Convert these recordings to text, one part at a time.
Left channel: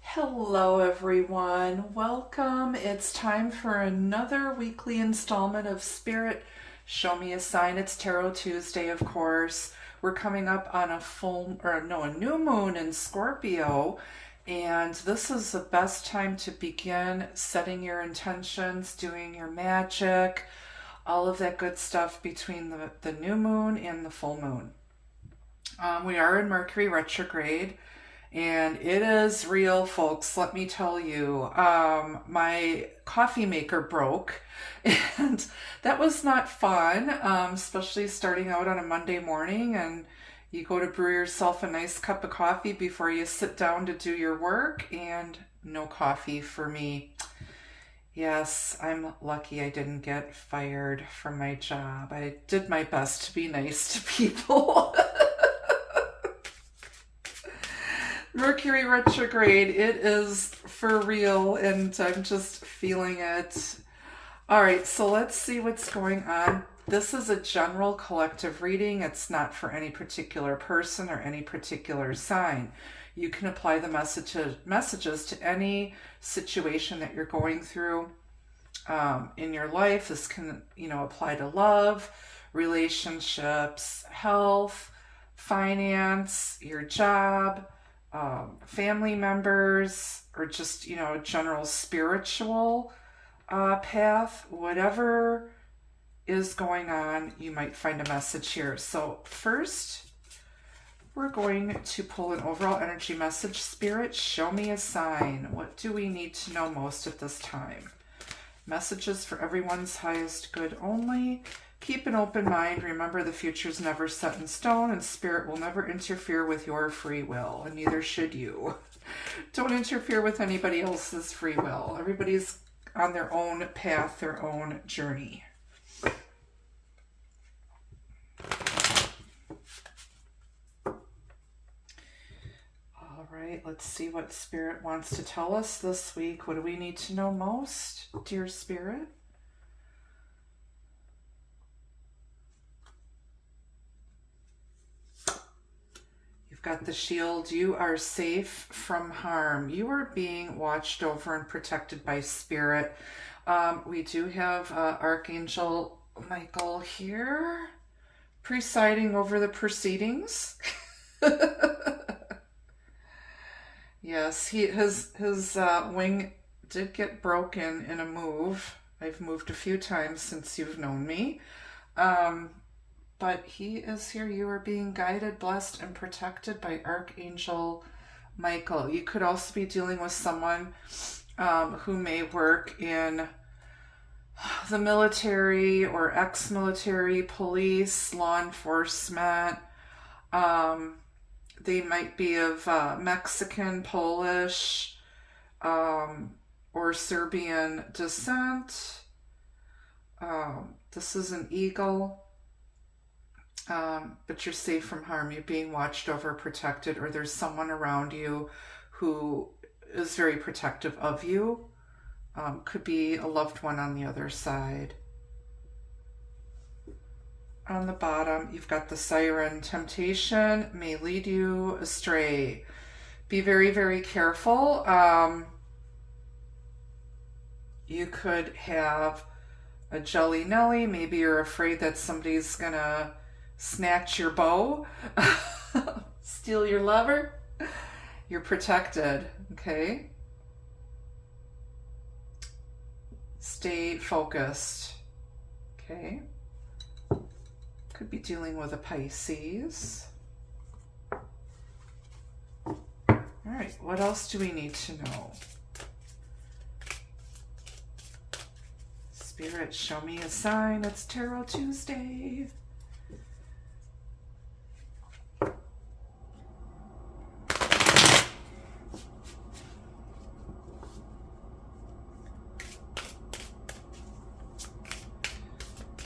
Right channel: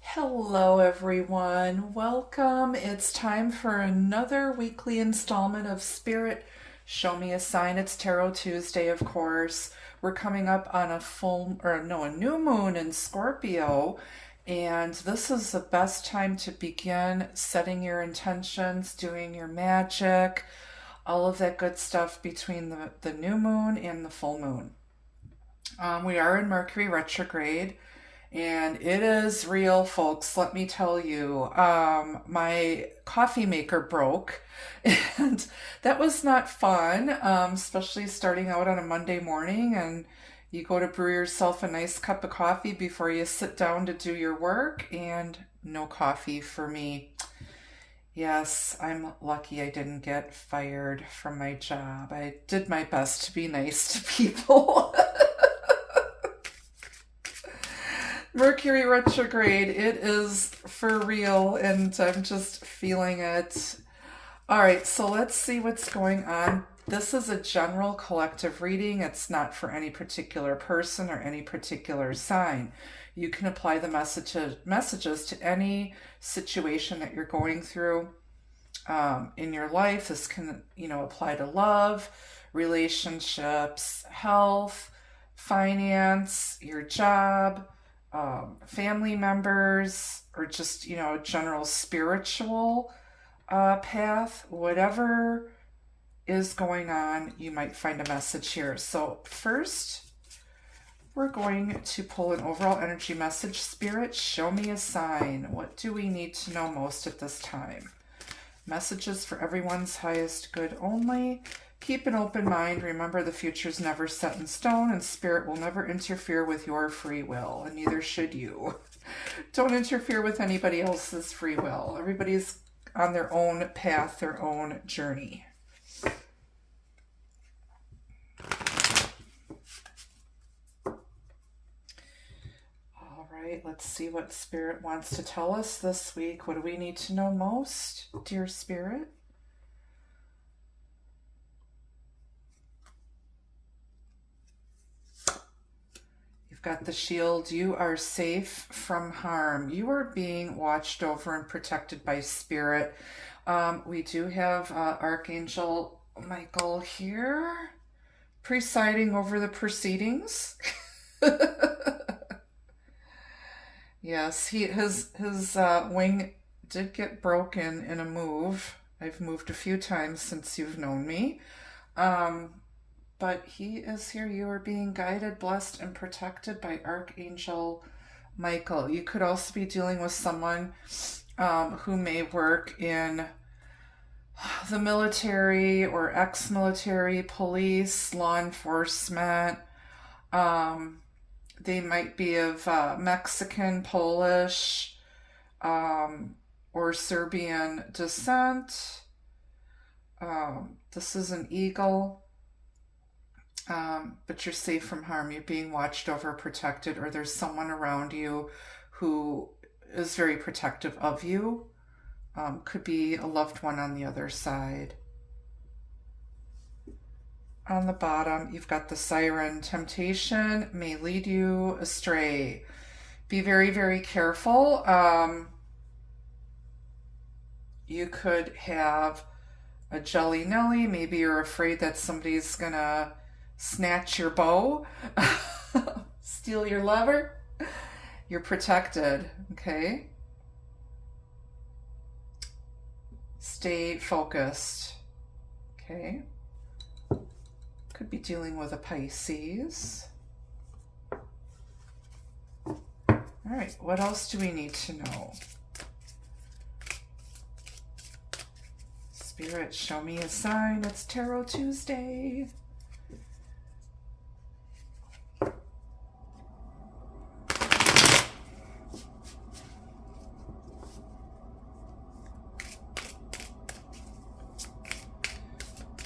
Hello everyone, welcome. It's time for another weekly installment of Spirit Show Me a Sign. It's Tarot Tuesday, of course. We're coming up on a new moon in Scorpio, and this is the best time to begin setting your intentions, doing your magic, all of that good stuff between the new moon and the full moon. We are in Mercury retrograde. And it is real, folks. Let me tell you, my coffee maker broke, and that was not fun, especially starting out on a Monday morning, and you go to brew yourself a nice cup of coffee before you sit down to do your work, and no coffee for me. Yes, I'm lucky I didn't get fired from my job. I did my best to be nice to people. Mercury retrograde, it is for real, and I'm just feeling it. All right, so let's see what's going on. This is a general collective reading. It's not for any particular person or any particular sign. You can apply the messages to any situation that you're going through in your life. This can, apply to love, relationships, health, finance, your job, family members, or just, a general spiritual path. Whatever is going on, you might find a message here. So first, we're going to pull an overall energy message. Spirit, show me a sign. What do we need to know most at this time? Messages for everyone's highest good only. Keep an open mind. Remember, the future's never set in stone, and Spirit will never interfere with your free will, and neither should you. Don't interfere with anybody else's free will. Everybody's on their own path, their own journey. All right, let's see what Spirit wants to tell us this week. What do we need to know most, dear Spirit? Got the shield. You are safe from harm. You are being watched over and protected by Spirit. We do have Archangel Michael here presiding over the proceedings. Yes, his wing did get broken in a move. I've moved a few times since you've known me. But he is here. You are being guided, blessed, and protected by Archangel Michael. You could also be dealing with someone who may work in the military or ex-military, police, law enforcement. They might be of Mexican, Polish, or Serbian descent. This is an eagle. But you're safe from harm. You're being watched over, protected, or there's someone around you who is very protective of you. Could be a loved one on the other side. On the bottom, you've got the siren. Temptation may lead you astray. Be very, very careful. You could have a jelly Nelly. Maybe you're afraid that somebody's gonna snatch your bow, steal your lover. You're protected, okay? Stay focused, okay? Could be dealing with a Pisces. All right, what else do we need to know? Spirit, show me a sign. It's Tarot Tuesday.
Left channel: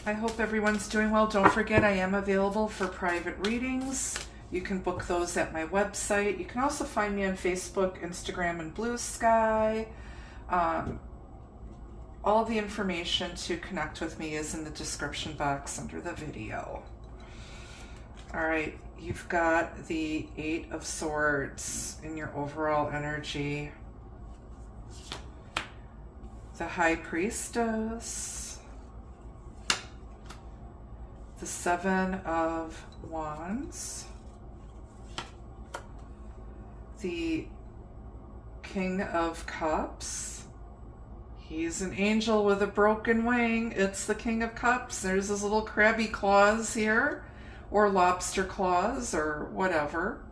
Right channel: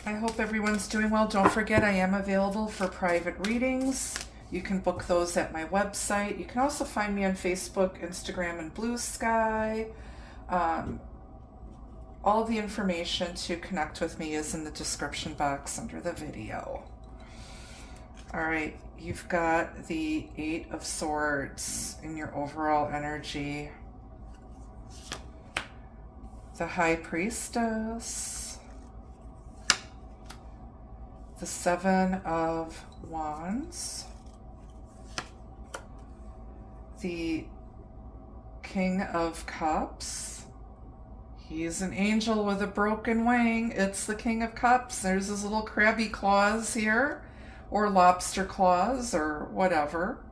I hope everyone's doing well. Don't forget, I am available for private readings. You can book those at my website. You can also find me on Facebook, Instagram, and Blue Sky. All the information to connect with me is in the description box under the video. All right, you've got the Eight of Swords in your overall energy. The High Priestess. The Seven of Wands. The King of Cups. He's an angel with a broken wing. It's the King of Cups. There's his little crabby claws here, or lobster claws, or whatever.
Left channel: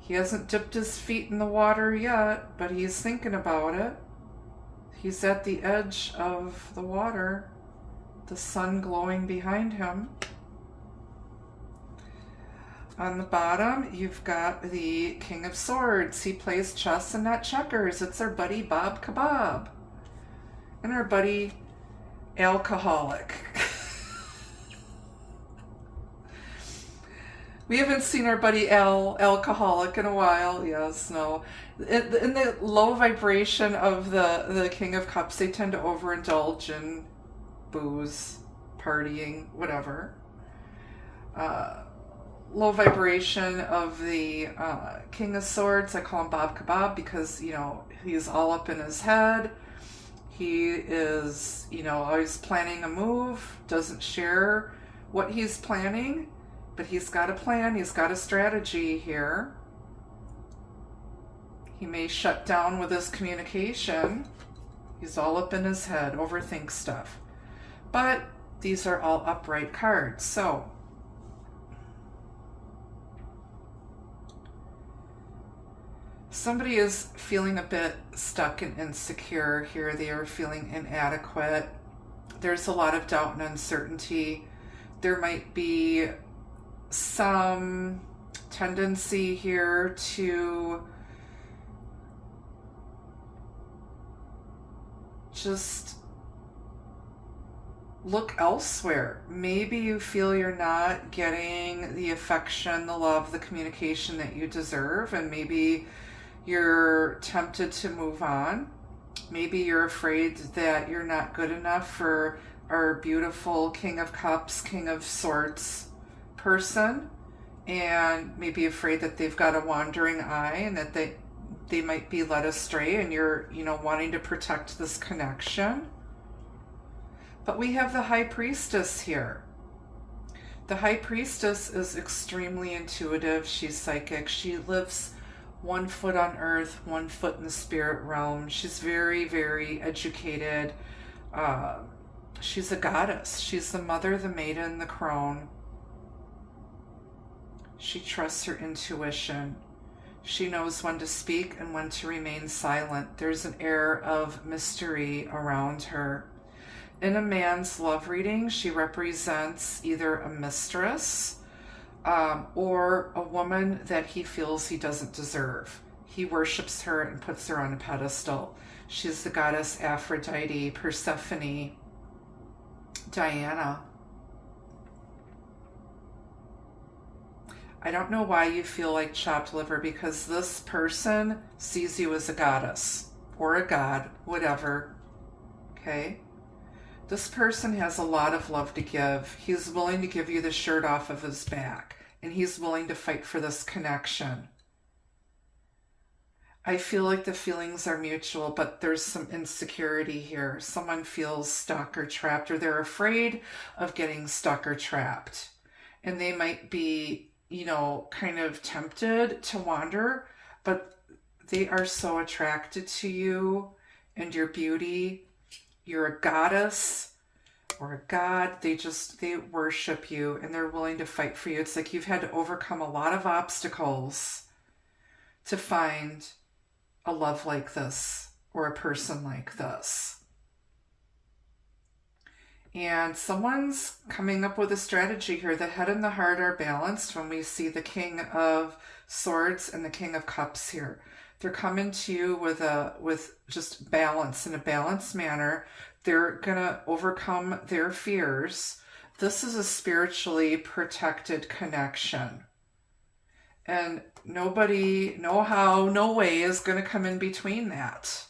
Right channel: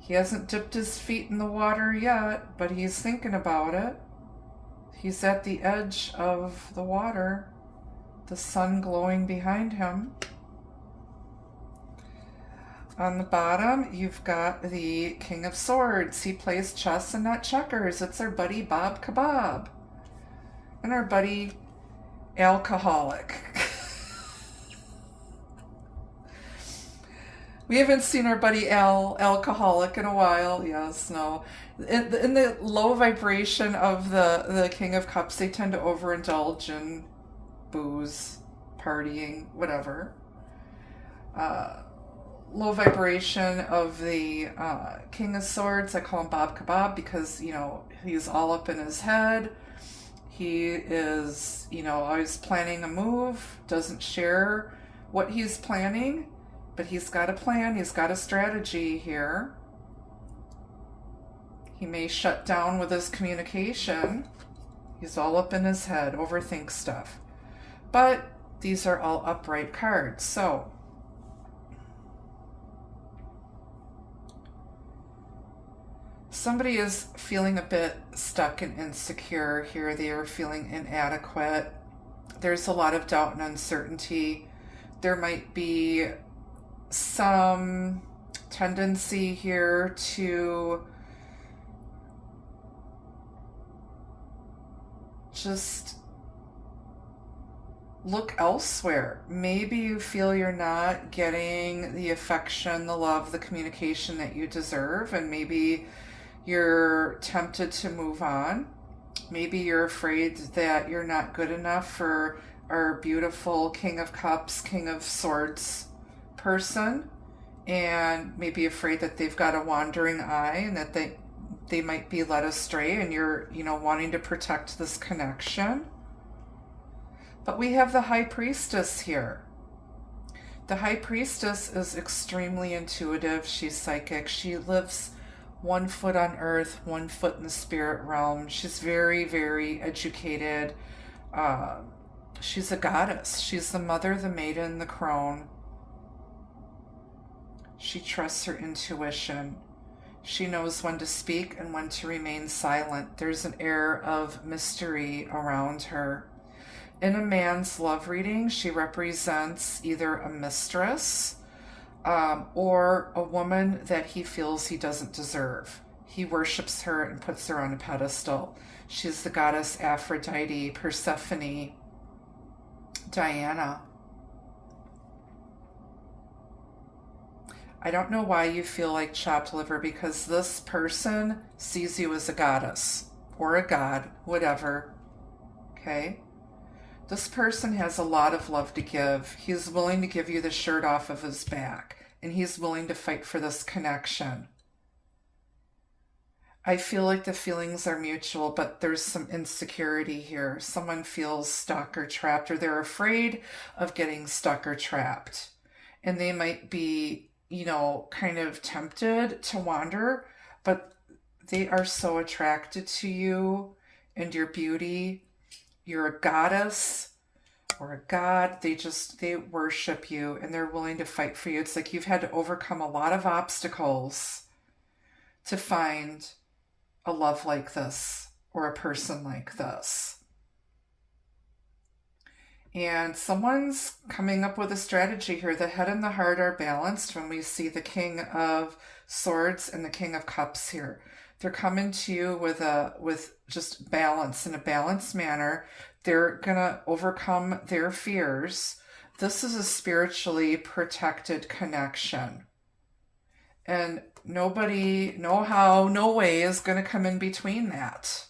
He hasn't dipped his feet in the water yet, but he's thinking about it. He's at the edge of the water, the sun glowing behind him. On the bottom, you've got the King of Swords. He plays chess and not checkers. It's our buddy Bob Kebab. And our buddy Alcoholic. We haven't seen our buddy Alcoholic in a while. Yes, no. In the low vibration of the King of Cups, they tend to overindulge in booze, partying, whatever. Low vibration of the King of Swords, I call him Bob Kebab because, you know, he's all up in his head. He is, you know, always planning a move, doesn't share what he's planning, but he's got a plan, he's got a strategy here. He may shut down with his communication. He's all up in his head, overthinks stuff. But these are all upright cards, so somebody is feeling a bit stuck and insecure here. They are feeling inadequate. There's a lot of doubt and uncertainty. There might be some tendency here to just look elsewhere. Maybe you feel you're not getting the affection, the love, the communication that you deserve, and maybe you're tempted to move on. Maybe you're afraid that you're not good enough for our beautiful King of Cups, King of Swords person, and maybe afraid that they've got a wandering eye and that they might be led astray, and you're, you know, wanting to protect this connection. But we have the High Priestess here. The High Priestess is extremely intuitive. She's psychic. She lives 1 foot on earth, 1 foot in the spirit realm. She's very, very educated. She's a goddess. She's the mother, the maiden, the crone. She trusts her intuition. She knows when to speak and when to remain silent. There's an air of mystery around her. In a man's love reading, she represents either a mistress or a woman that he feels he doesn't deserve. He worships her and puts her on a pedestal. She's the goddess Aphrodite, Persephone, Diana. I don't know why you feel like chopped liver, because this person sees you as a goddess or a god, whatever. Okay? This person has a lot of love to give. He's willing to give you the shirt off of his back, and he's willing to fight for this connection. I feel like the feelings are mutual, but there's some insecurity here. Someone feels stuck or trapped, or they're afraid of getting stuck or trapped. And they might be, you know, kind of tempted to wander, but they are so attracted to you and your beauty. You're a goddess or a god. They worship you, and they're willing to fight for you. It's like you've had to overcome a lot of obstacles to find a love like this or a person like this. And someone's coming up with a strategy here. The head and the heart are balanced when we see the King of Swords and the King of Cups here. They're coming to you with just balance, in a balanced manner. They're going to overcome their fears. This is a spiritually protected connection. And nobody, no how, no way is going to come in between that.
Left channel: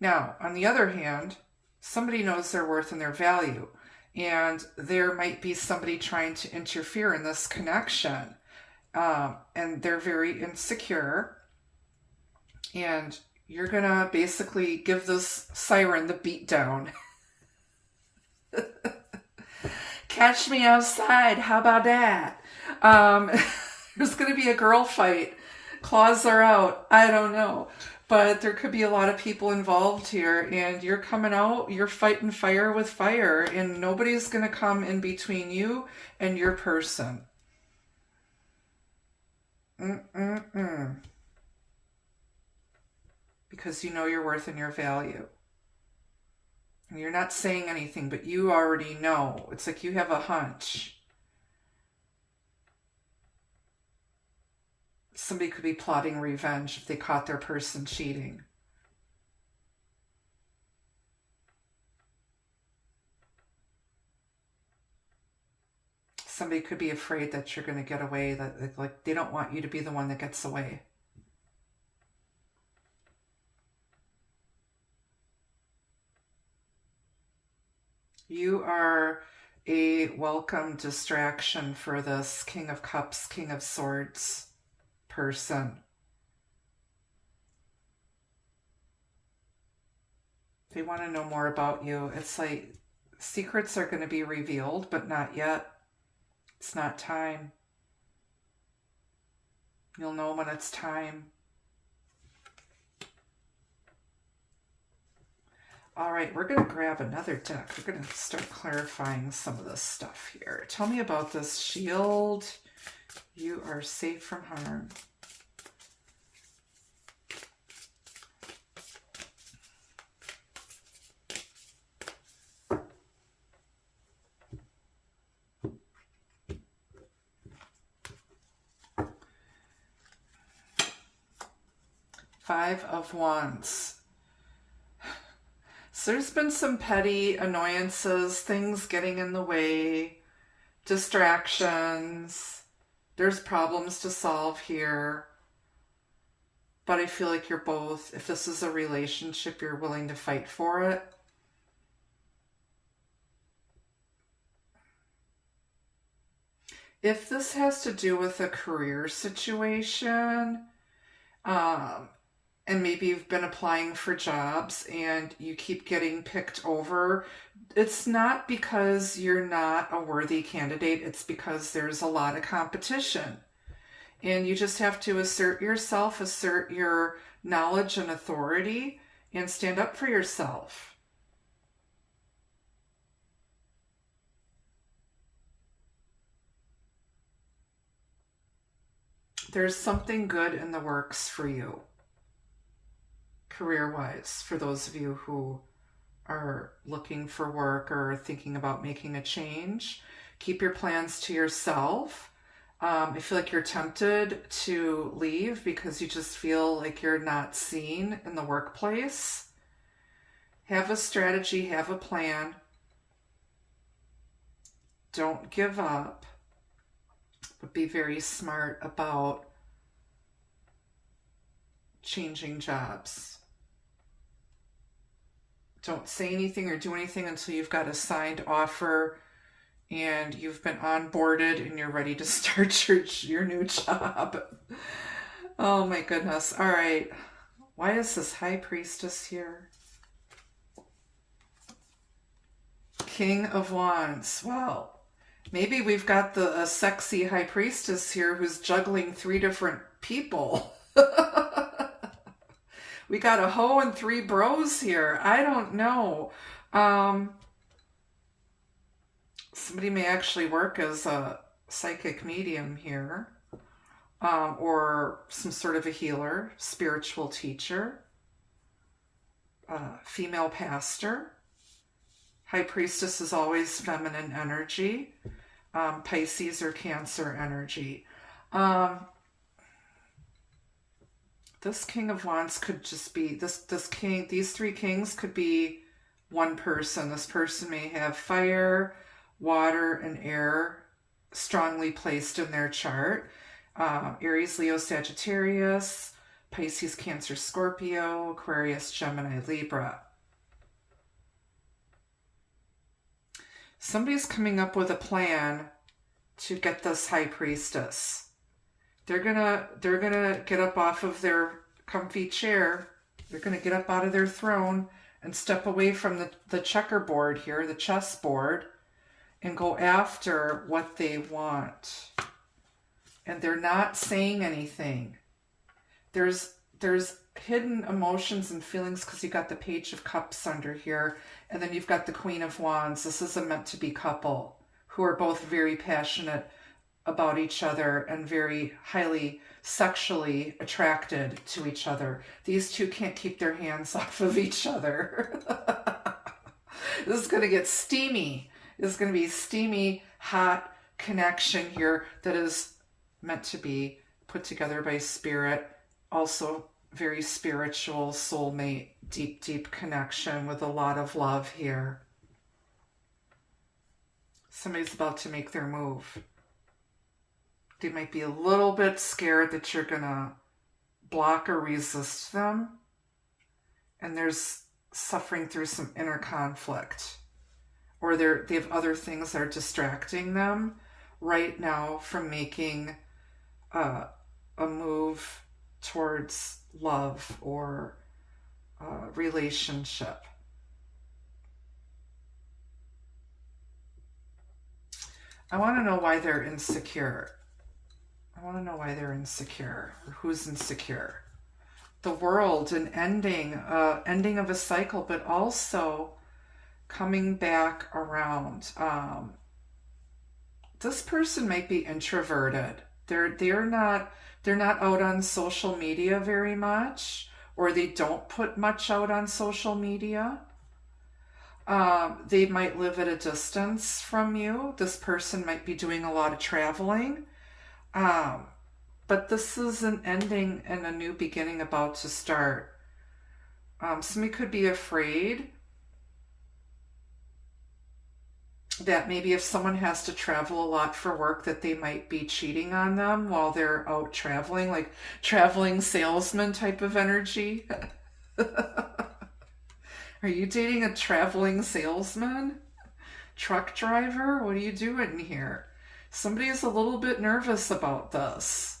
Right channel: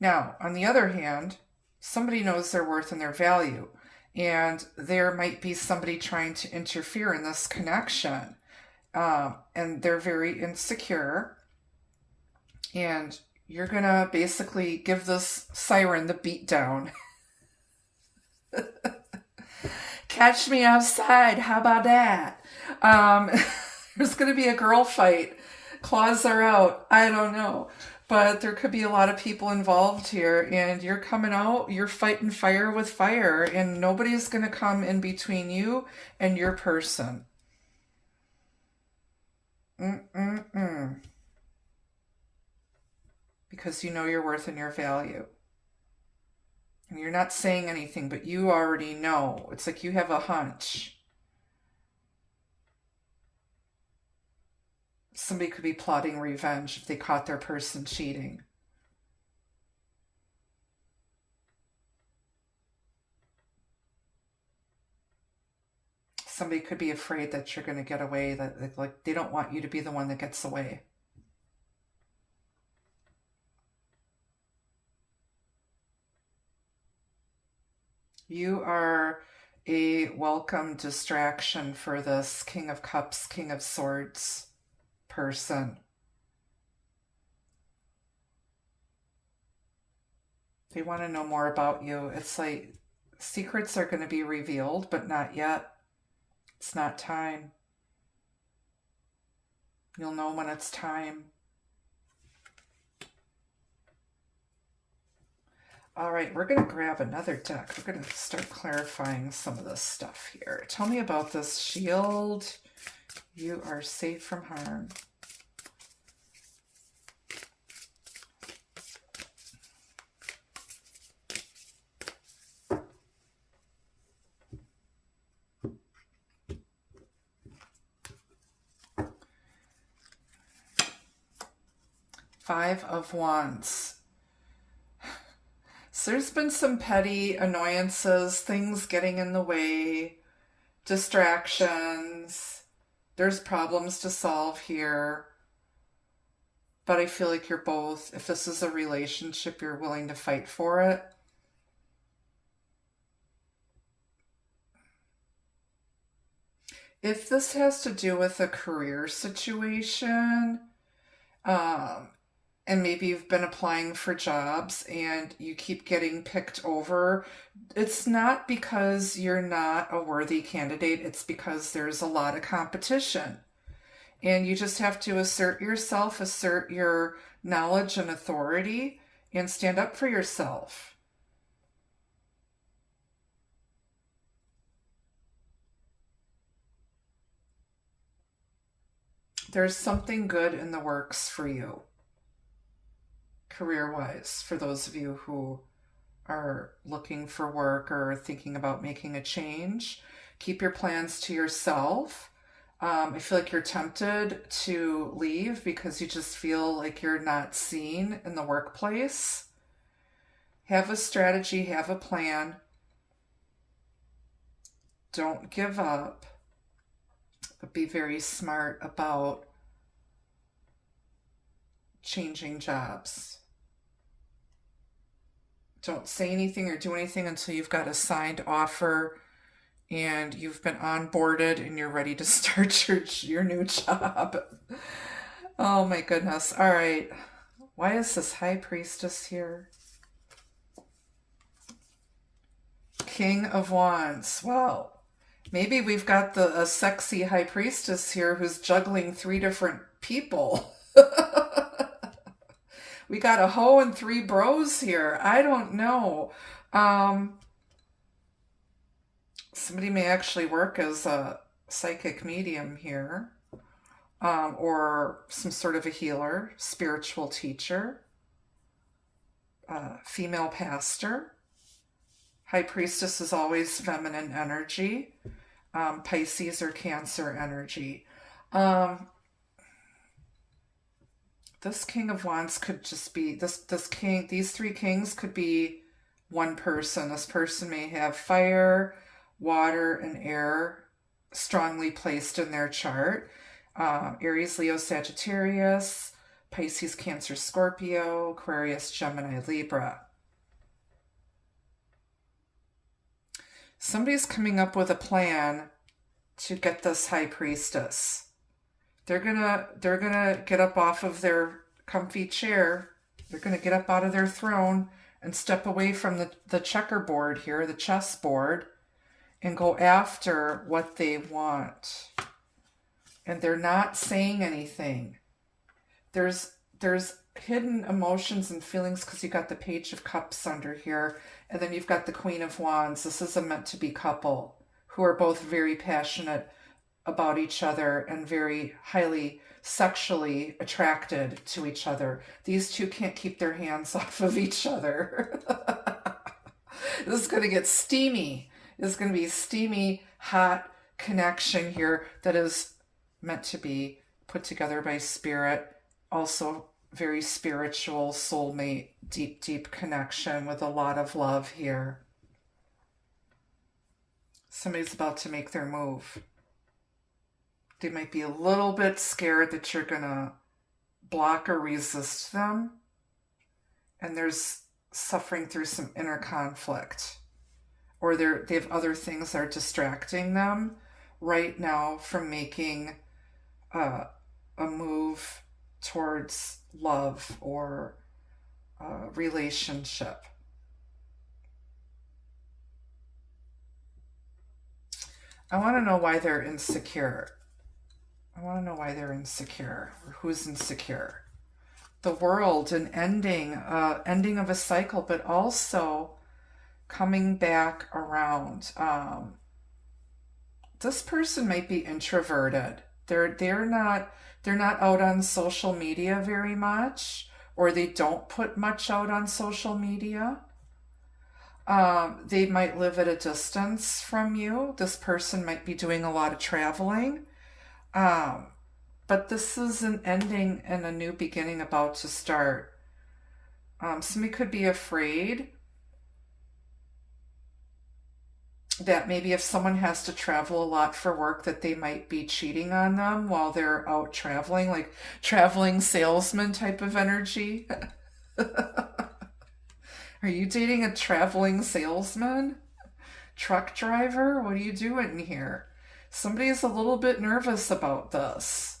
Now, on the other hand, somebody knows their worth and their value, and there might be somebody trying to interfere in this connection, and they're very insecure, and you're gonna basically give this siren the beat down. Catch me outside, how about that? There's gonna be a girl fight. Claws are out. I don't know. But there could be a lot of people involved here, and you're coming out, you're fighting fire with fire, and nobody's going to come in between you and your person. Because you know your worth and your value. And you're not saying anything, but you already know. It's like you have a hunch. Somebody could be plotting revenge if they caught their person cheating. Somebody could be afraid that you're going to get away, that like they don't want you to be the one that gets away. You are a welcome distraction for this King of Cups, King of Swords person. They want to know more about you. It's like secrets are going to be revealed, but not yet. It's not time. You'll know when it's time. All right, we're going to grab another deck. We're going to start clarifying some of this stuff here. Tell me about this shield. You are safe from harm. Five of Wands. So there's been some petty annoyances, things getting in the way, distractions. There's problems to solve here. But I feel like you're both, if this is a relationship, you're willing to fight for it. If this has to do with a career situation, and maybe you've been applying for jobs and you keep getting picked over, it's not because you're not a worthy candidate. It's because there's a lot of competition. And you just have to assert yourself, assert your knowledge and authority, and stand up for yourself. There's something good in the works for you, career-wise, for those of you who are looking for work or thinking about making a change. Keep your plans to yourself. I feel like you're tempted to leave because you just feel like you're not seen in the workplace. Have a strategy, have a plan. Don't give up, but be very smart about changing jobs. Don't say anything or do anything until you've got a signed offer and you've been onboarded and you're ready to start your new job. Oh my goodness. All right. Why is this High Priestess here? King of Wands. Well, maybe we've got a sexy High Priestess here who's juggling 3 different people. We got a hoe and 3 bros here. I don't know. Somebody may actually work as a psychic medium here, or some sort of a healer, spiritual teacher, female pastor. High Priestess is always feminine energy, Pisces or Cancer energy. This King of Wands could just be, these 3 kings could be one person. This person may have fire, water, and air strongly placed in their chart. Aries, Leo, Sagittarius, Pisces, Cancer, Scorpio, Aquarius, Gemini, Libra. Somebody's coming up with a plan to get this High Priestess. They're gonna get up off of their comfy chair. They're gonna get up out of their throne and step away from the checkerboard here, the chessboard, and go after what they want. And they're not saying anything. There's hidden emotions and feelings because you got the Page of Cups under here, and then you've got the Queen of Wands. This is a meant-to-be couple who are both very passionate about each other and very highly sexually attracted to each other. These two can't keep their hands off of each other. This is going to get steamy. This is going to be a steamy, hot connection here that is meant to be put together by spirit. Also very spiritual, soulmate, deep, deep connection with a lot of love here. Somebody's about to make their move. They might be a little bit scared that you're going to block or resist them. And there's suffering through some inner conflict. Or they have other things that are distracting them right now from making a move towards love or relationship. I want to know why they're insecure. I want to know why they're insecure, or who's insecure. The World, an ending of a cycle, but also coming back around. This person might be introverted. They're not out on social media very much, or they don't put much out on social media. They might live at a distance from you. This person might be doing a lot of traveling. But this is an ending and a new beginning about to start. Somebody could be afraid that maybe if someone has to travel a lot for work, that they might be cheating on them while they're out traveling, like traveling salesman type of energy. Are you dating a traveling salesman? Truck driver? What are you doing here? Somebody's a little bit nervous about this,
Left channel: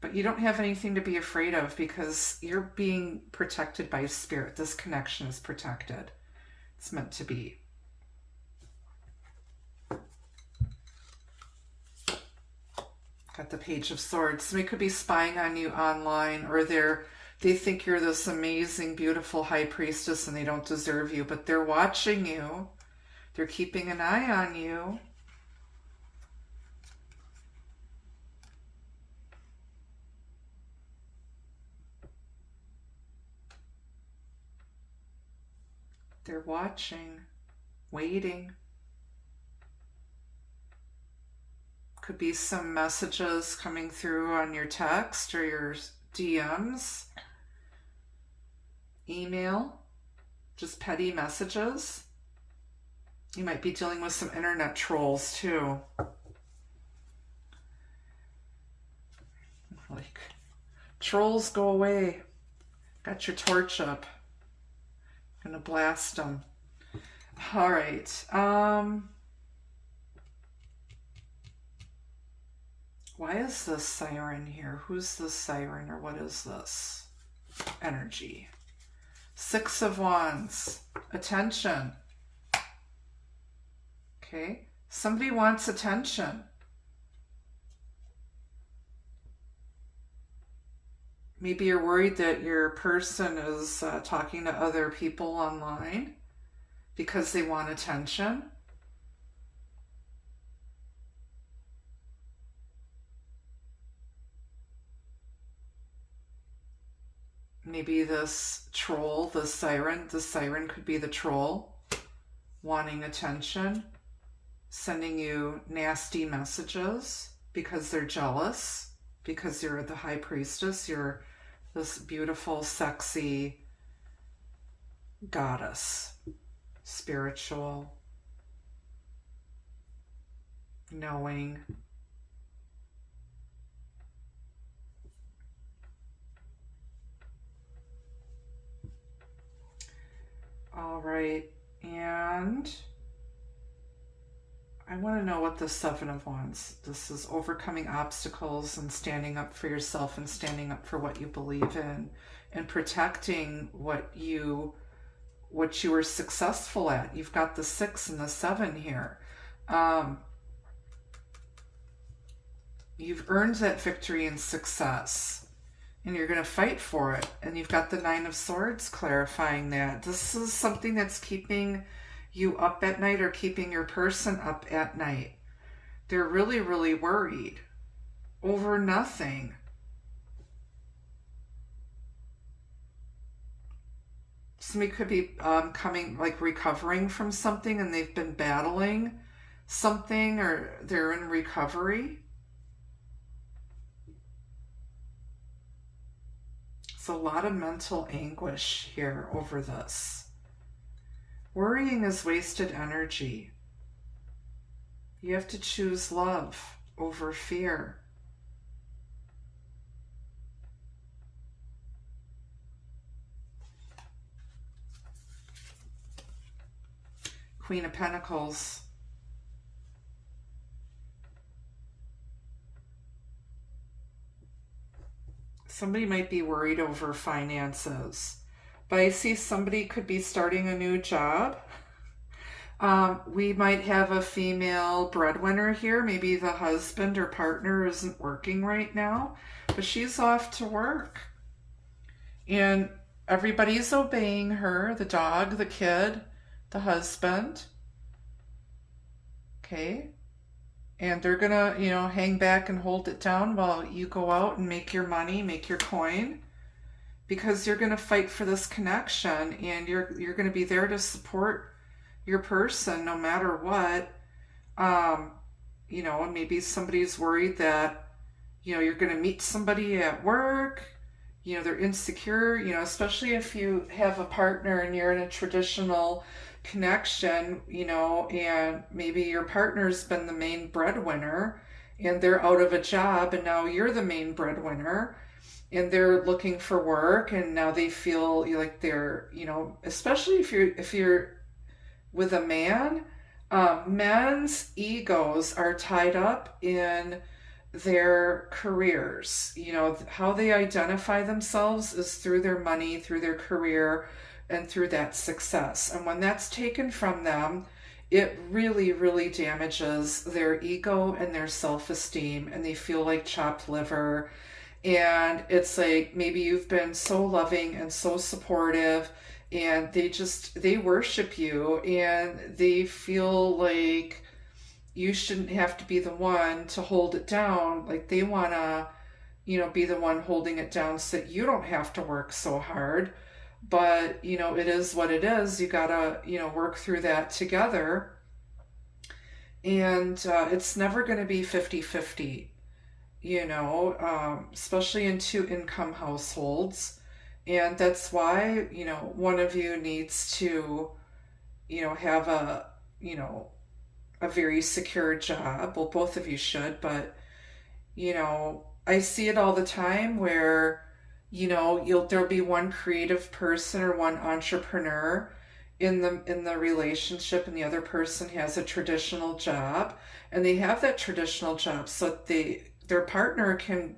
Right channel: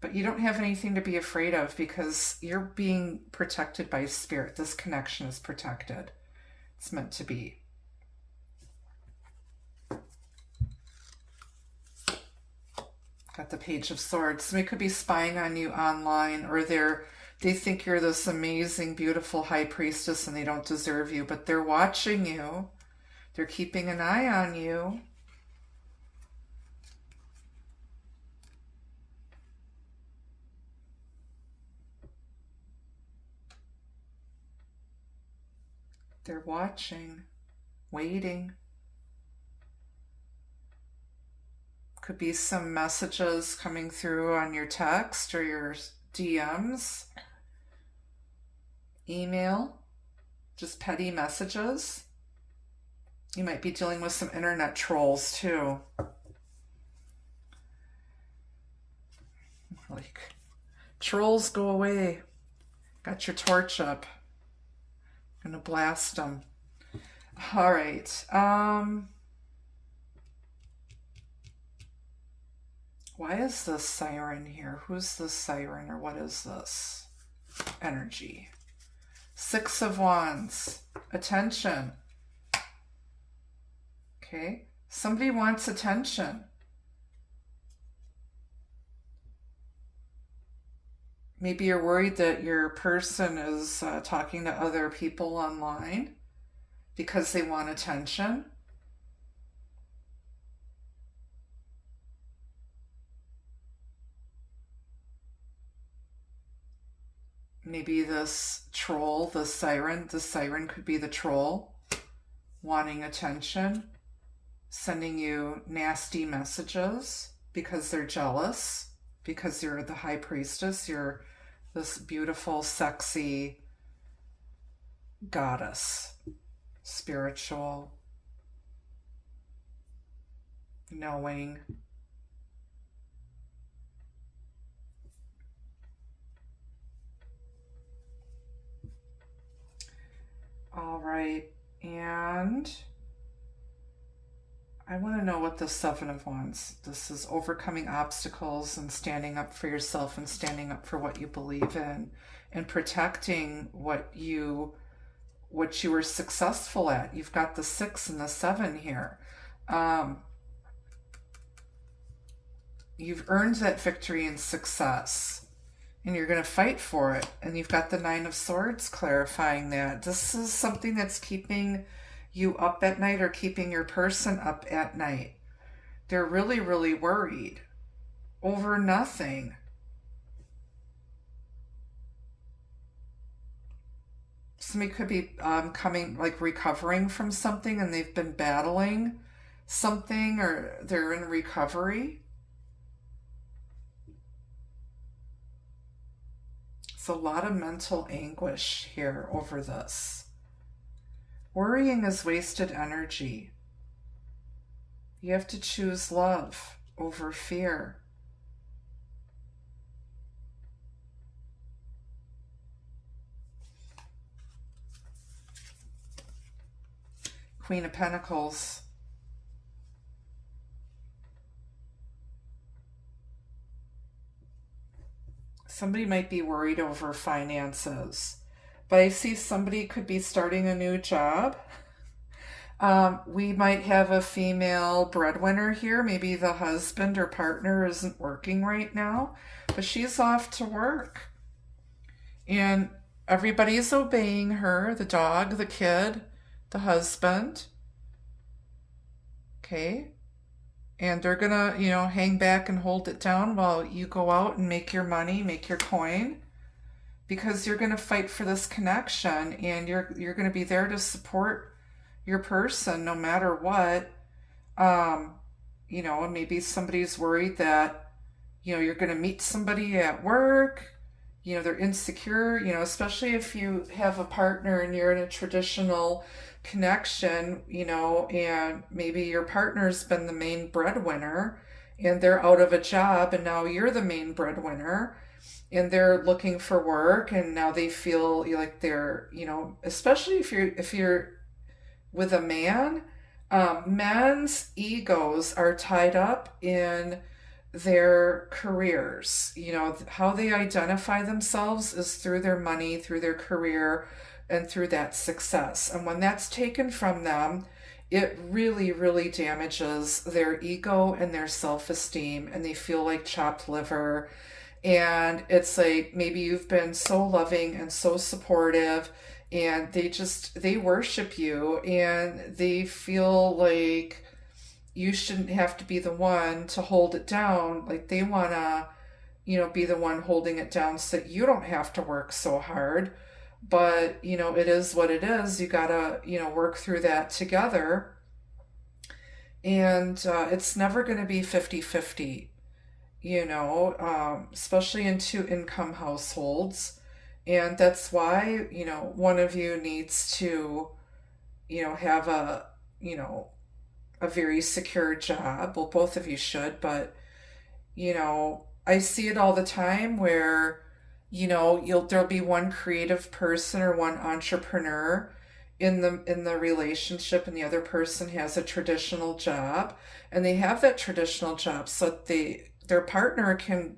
but you don't have anything to be afraid of because you're being protected by spirit. This connection is protected. It's meant to be. Got the Page of Swords. Somebody could be spying on you online, or they think you're this amazing, beautiful High Priestess and they don't deserve you, but they're watching you. They're keeping an eye on you. They're watching, waiting. Could be some messages coming through on your text or your DMs, email, just petty messages. You might be dealing with some internet trolls too. Like, trolls, go away. Got your torch up. Gonna blast them. All right. Why is this siren here? Who's this siren, or what is this energy? Six of Wands. Attention. Okay. Somebody wants attention. Maybe you're worried that your person is talking to other people online because they want attention. Maybe this troll, the siren could be the troll wanting attention, sending you nasty messages because they're jealous, because you're the High Priestess, you're this beautiful, sexy goddess, spiritual, knowing. the Seven of Wands. This is overcoming obstacles and standing up for yourself and standing up for what you believe in and protecting what you were successful at. You've got the 6 and the 7 here. You've earned that victory and success, and you're going to fight for it. And you've got the 9 of Swords clarifying that. This is something that's keeping you up at night or keeping your person up at night. They're really, really worried over nothing. Somebody could be recovering from something, and they've been battling something, or they're in recovery. It's a lot of mental anguish here over this. Worrying is wasted energy. You have to choose love over fear. Queen of Pentacles. Somebody might be worried over finances. But I see somebody could be starting a new job. We might have a female breadwinner here. Maybe the husband or partner isn't working right now, but she's off to work. And everybody's obeying her, the dog, the kid, the husband. Okay. And they're going to, hang back and hold it down while you go out and make your money, make your coin. Because you're going to fight for this connection, and you're going to be there to support your person no matter what. And maybe somebody's worried that, you're going to meet somebody at work, they're insecure, especially if you have a partner and you're in a traditional connection, and maybe your partner's been the main breadwinner and they're out of a job and now you're the main breadwinner. And they're looking for work, and now they feel like they're, especially if you're with a man, men's egos are tied up in their careers. How they identify themselves is through their money, through their career, and through that success. And when that's taken from them, it really, really damages their ego and their self-esteem, and they feel like chopped liver. And it's like, maybe you've been so loving and so supportive, and they worship you, and they feel like you shouldn't have to be the one to hold it down. Like they want to, be the one holding it down so that you don't have to work so hard. But, it is what it is. You gotta, work through that together. And it's never going to be 50-50. Especially in 2-income households. And that's why, one of you needs to, have a very secure job. Well, both of you should, but, I see it all the time where, there'll be one creative person or one entrepreneur in the relationship, and the other person has a traditional job, and they have that traditional job so their partner can,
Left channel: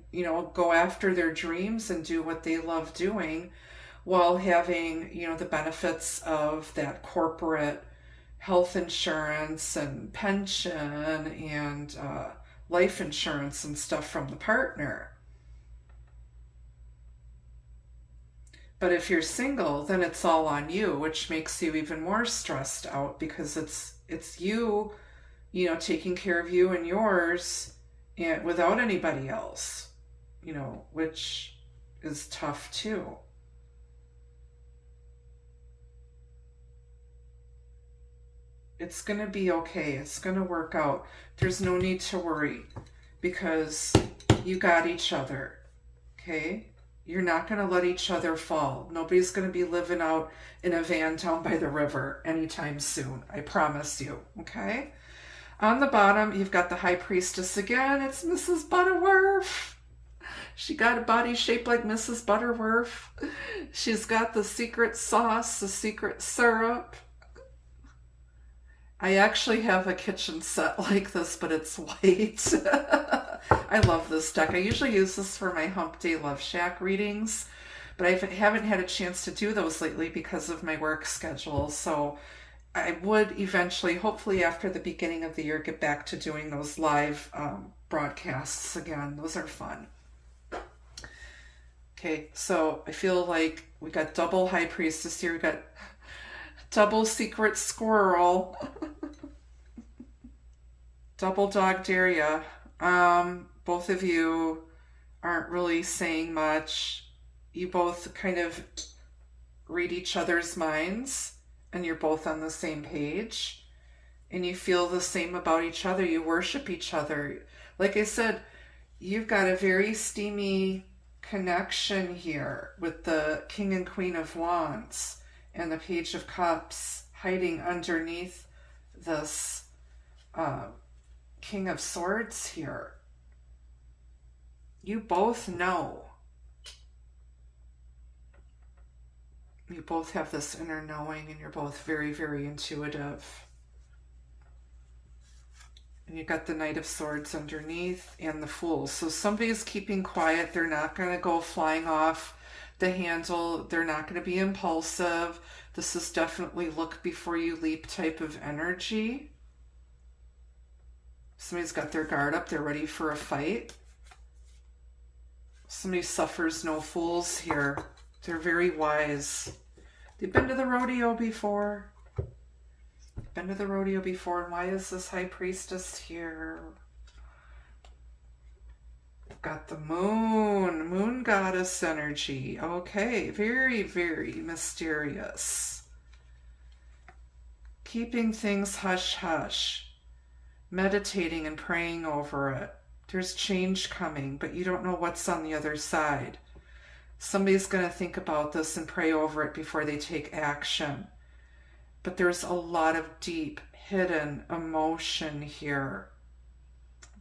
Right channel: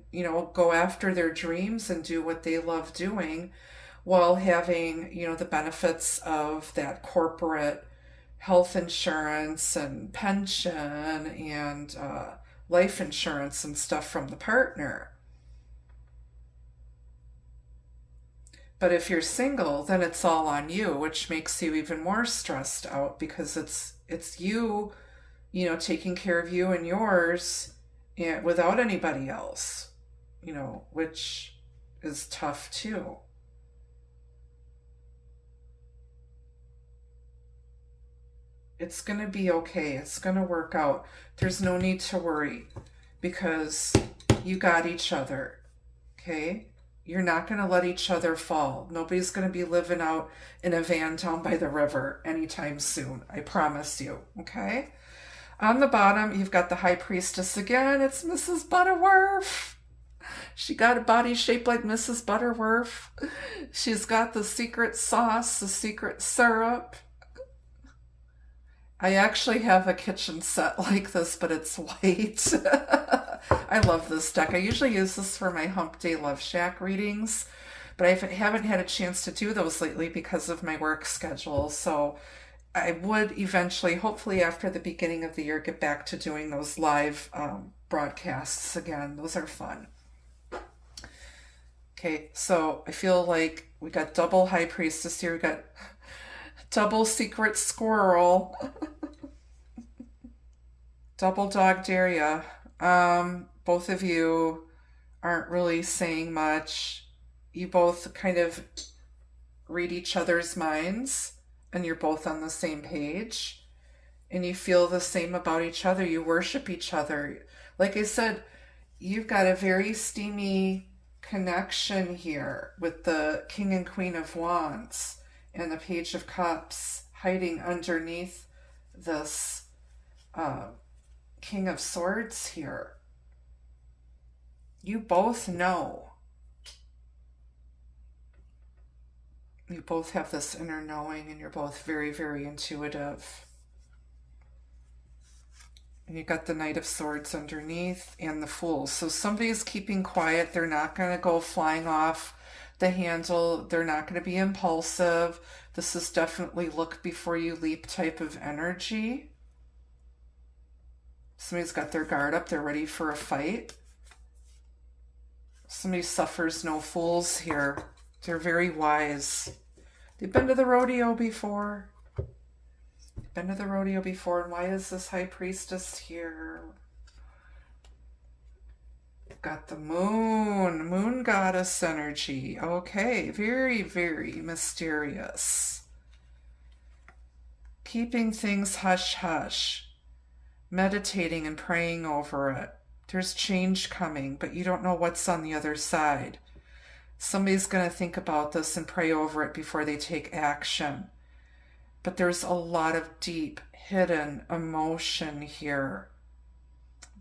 go after their dreams and do what they love doing while having, the benefits of that corporate health insurance and pension and life insurance and stuff from the partner. But if you're single, then it's all on you, which makes you even more stressed out, because it's you, taking care of you and yours, and without anybody else, which is tough too. It's going to be okay. It's going to work out. There's no need to worry, because you got each other. Okay? You're not going to let each other fall. Nobody's going to be living out in a van down by the river anytime soon. I promise you. Okay? On the bottom, you've got the High Priestess again. It's Mrs. Butterworth. She got a body shaped like Mrs. Butterworth. She's got the secret sauce, the secret syrup. I actually have a kitchen set like this, but it's white. I love this deck. I usually use this for my Hump Day Love Shack readings, but I haven't had a chance to do those lately because of my work schedule. So I would eventually, hopefully after the beginning of the year, get back to doing those live broadcasts again. Those are fun. Okay, so I feel like we got double High Priestess here. We got double Secret Squirrel. Double Dog Daria. Both of you aren't really saying much. You both kind of read each other's minds, and you're both on the same page, and you feel the same about each other. You worship each other. Like I said, you've got a very steamy connection here with the King and Queen of Wands and the Page of Cups hiding underneath this King of Swords here. You both know. You both have this inner knowing, and you're both very, very intuitive. And you got the Knight of Swords underneath and the Fool. So somebody's keeping quiet. They're not going to go flying off the handle. They're not going to be impulsive. This is definitely look before you leap type of energy. Somebody's got their guard up. They're ready for a fight. Somebody suffers no fools here. They're very wise. They've been to the rodeo before. Been to the rodeo before. And why is this High Priestess here? Got the moon. Moon goddess energy. Okay. Very, very mysterious. Keeping things hush-hush. Meditating and praying over it. There's change coming, but you don't know what's on the other side. Somebody's going to think about this and pray over it before they take action. But there's a lot of deep, hidden emotion here.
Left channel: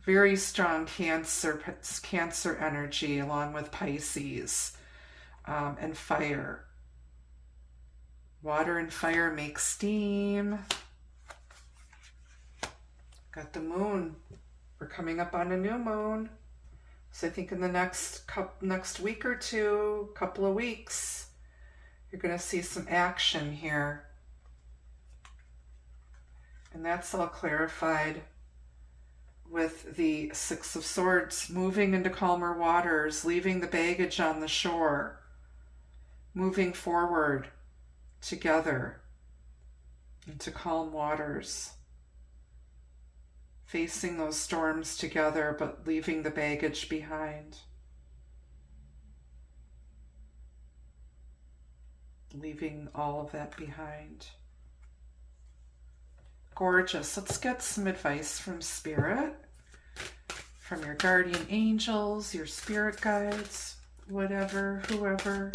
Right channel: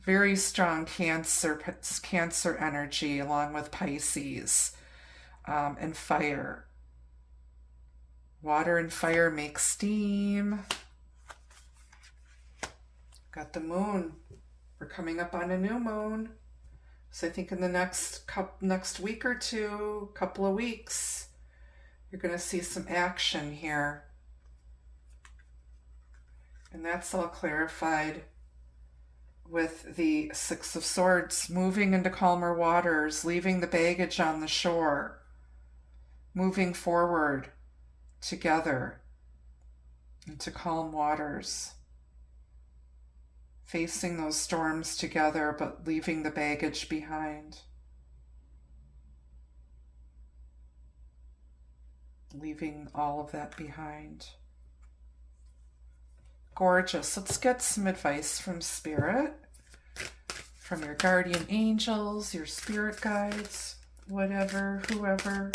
Very strong Cancer energy along with Pisces and fire. Water and fire make steam. Got the moon. We're coming up on a new moon. So I think in the next week or two, couple of weeks, you're going to see some action here. And that's all clarified with the Six of Swords, moving into calmer waters, leaving the baggage on the shore, moving forward together into calm waters, facing those storms together, but leaving the baggage behind. Leaving all of that behind. Gorgeous. Let's get some advice from Spirit, from your guardian angels, your spirit guides, whatever, whoever.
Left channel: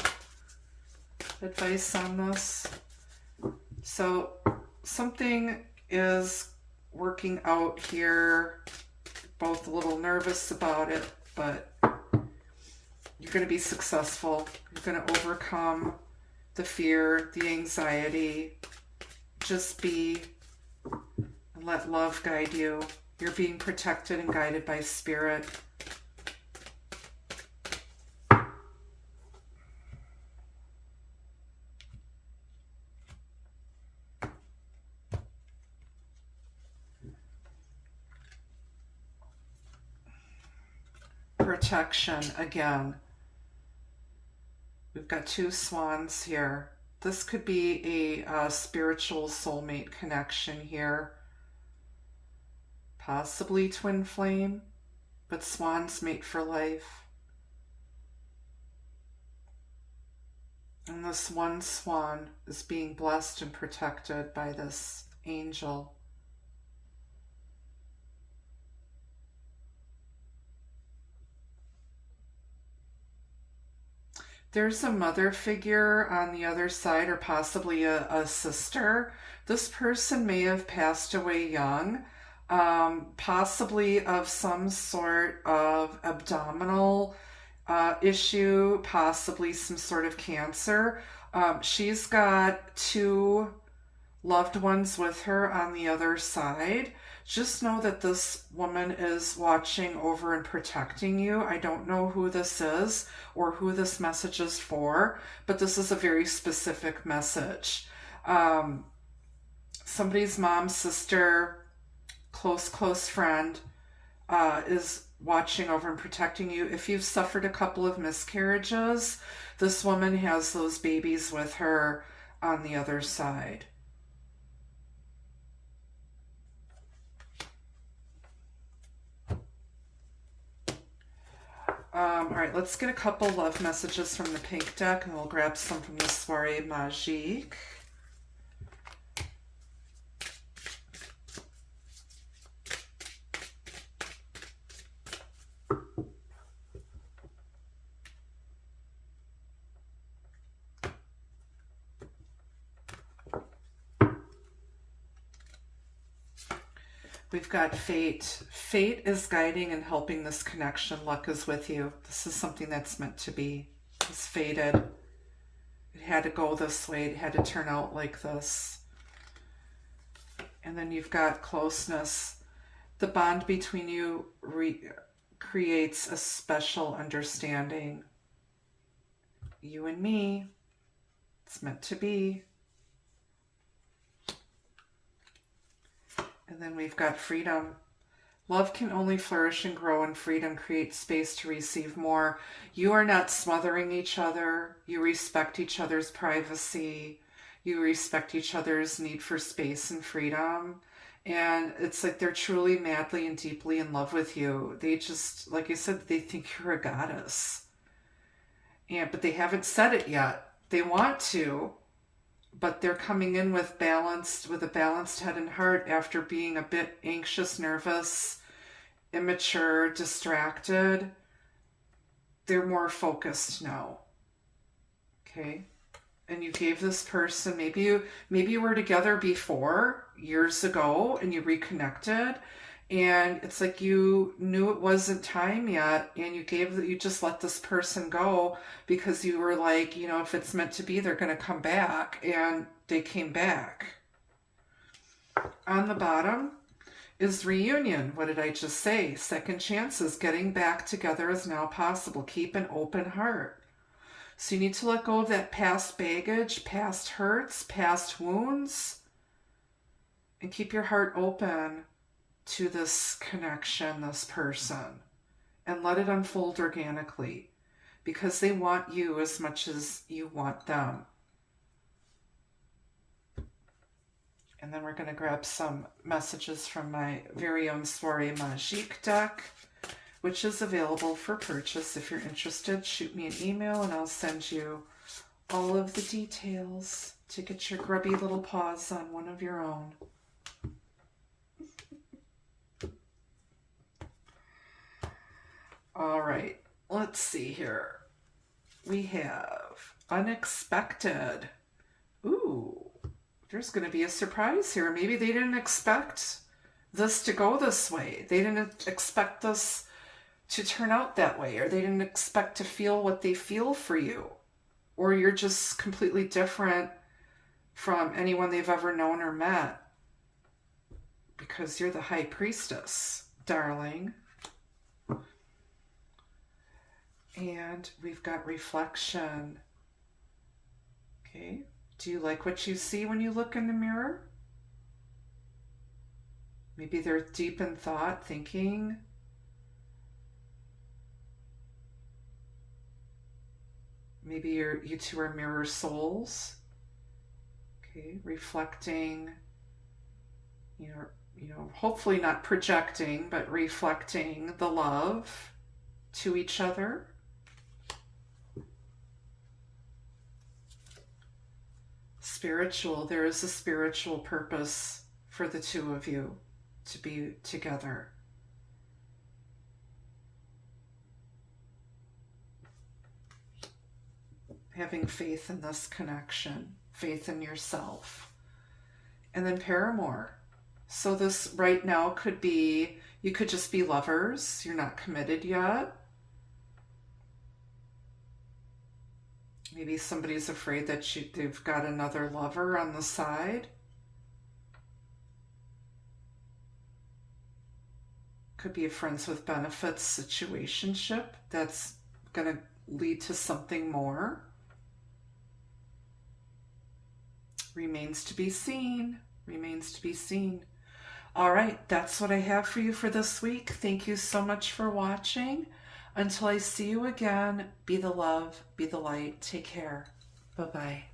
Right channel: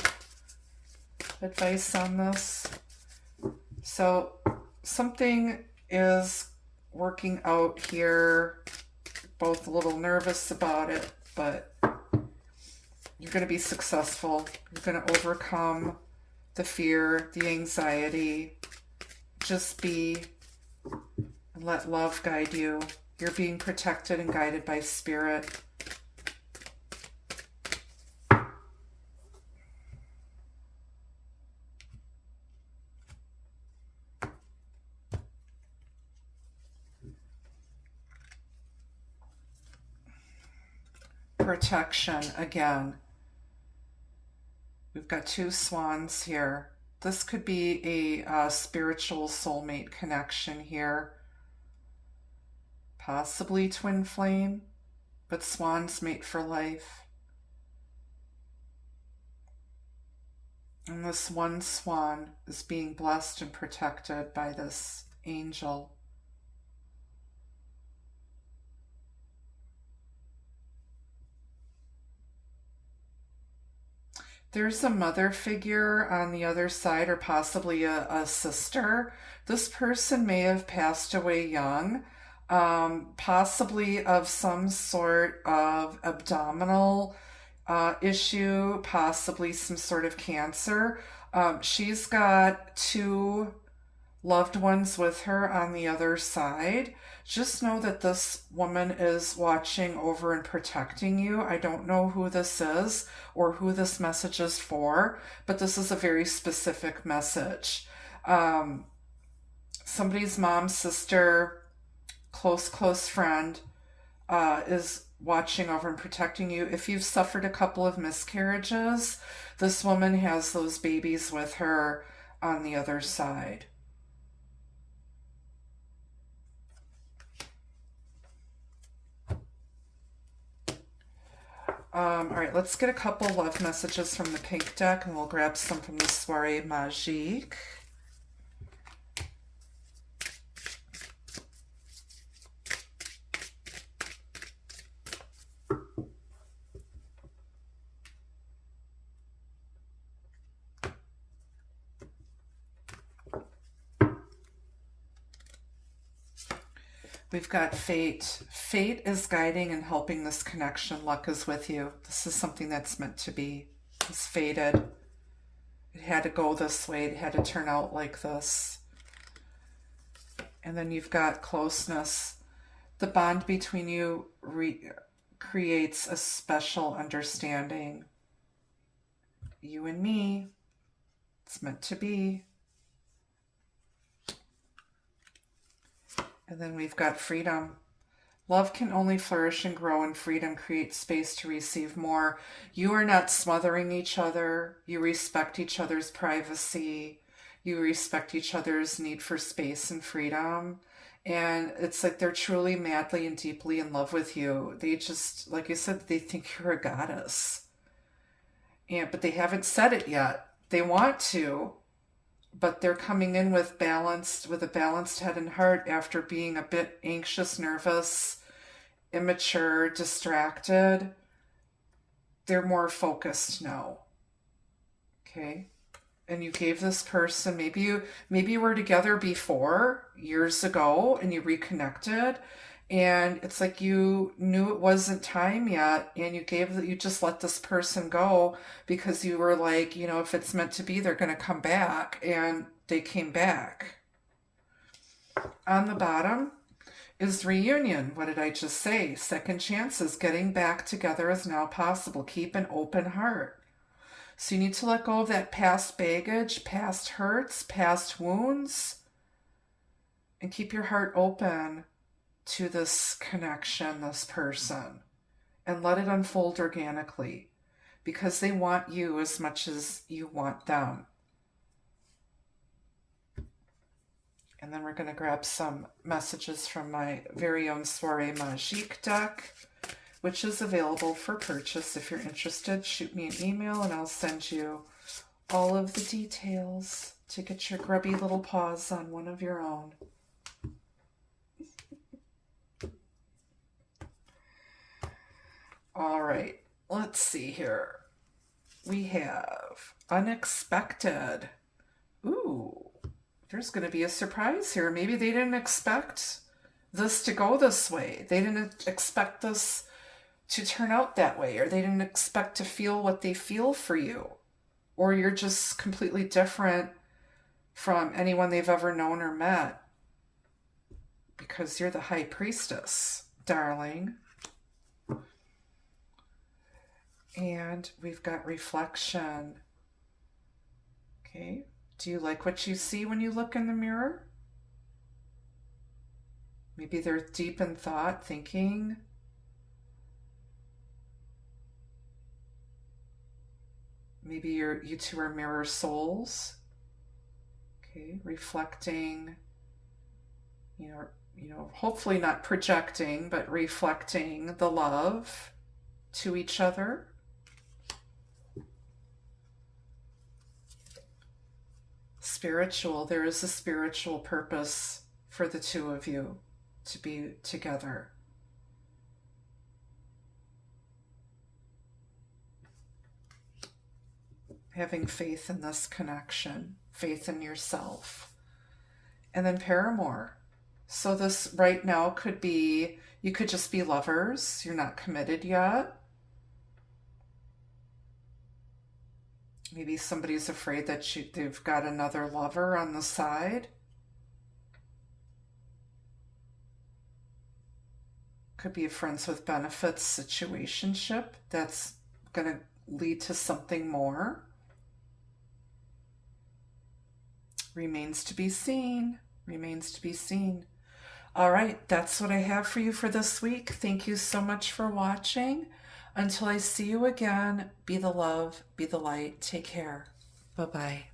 Advice on this. So something is working out here, both a little nervous about it, but you're going to be successful. You're going to overcome the fear, the anxiety. Just be, and let love guide you. You're being protected and guided by Spirit. Protection again. We've got two swans here. This could be a spiritual soulmate connection here. Possibly twin flame, but swans mate for life. And this one swan is being blessed and protected by this angel. There's a mother figure on the other side, or possibly a sister. This person may have passed away young, possibly of some sort of abdominal issue, possibly some sort of cancer. She's got two loved ones with her on the other side. Just know that this woman is watching over and protecting you. I don't know who this is or who this message is for, but this is a very specific message. Somebody's mom, sister, close friend is watching over and protecting you. If you've suffered a couple of miscarriages, this woman has those babies with her on the other side. All right, let's get a couple love messages from the pink deck, and we'll grab some from the Soirée Magique. We've got fate. Fate is guiding and helping this connection. Luck is with you. This is something that's meant to be. It's fated. It had to go this way. It had to turn out like this. And then you've got closeness. The bond between you creates a special understanding. You and me. It's meant to be. And then we've got freedom. Love can only flourish and grow, and freedom creates space to receive more. You are not smothering each other. You respect each other's privacy. You respect each other's need for space and freedom. And it's like they're truly madly and deeply in love with you. They just, like I said, they think you're a goddess. But they haven't said it yet. They want to. But they're coming in with a balanced head and heart after being a bit anxious, nervous, immature, distracted. They're more focused now. Okay? And you gave this person, maybe you were together before, years ago, and you reconnected, and it's like you knew it wasn't time yet, and you just let this person go because you were like, if it's meant to be, they're going to come back, and they came back. On the bottom is reunion. What did I just say? Second chances. Getting back together is now possible. Keep an open heart. So you need to let go of that past baggage, past hurts, past wounds, and keep your heart open to this connection, this person, and let it unfold organically, because they want you as much as you want them. And then we're going to grab some messages from my very own Soirée Magique deck, which is available for purchase. If you're interested, shoot me an email and I'll send you all of the details to get your grubby little paws on one of your own. All right, let's see here. We have unexpected. Ooh, there's going to be a surprise here. Maybe they didn't expect this to go this way. They didn't expect this to turn out that way, or they didn't expect to feel what they feel for you, or you're just completely different from anyone they've ever known or met, because you're the high priestess, darling. And we've got reflection. Okay. Do you like what you see when you look in the mirror? Maybe they're deep in thought, thinking. Maybe you two are mirror souls. Okay. Reflecting, hopefully not projecting, but reflecting the love to each other. Spiritual. There is a spiritual purpose for the two of you to be together. Having faith in this connection, faith in yourself. And then paramour. So this right now could be, you could just be lovers. You're not committed yet. Maybe somebody's afraid that they've got another lover on the side. Could be a friends with benefits situationship that's going to lead to something more. Remains to be seen. Remains to be seen. All right, that's what I have for you for this week. Thank you so much for watching. Until I see you again, be the love, be the light. Take care. Bye-bye.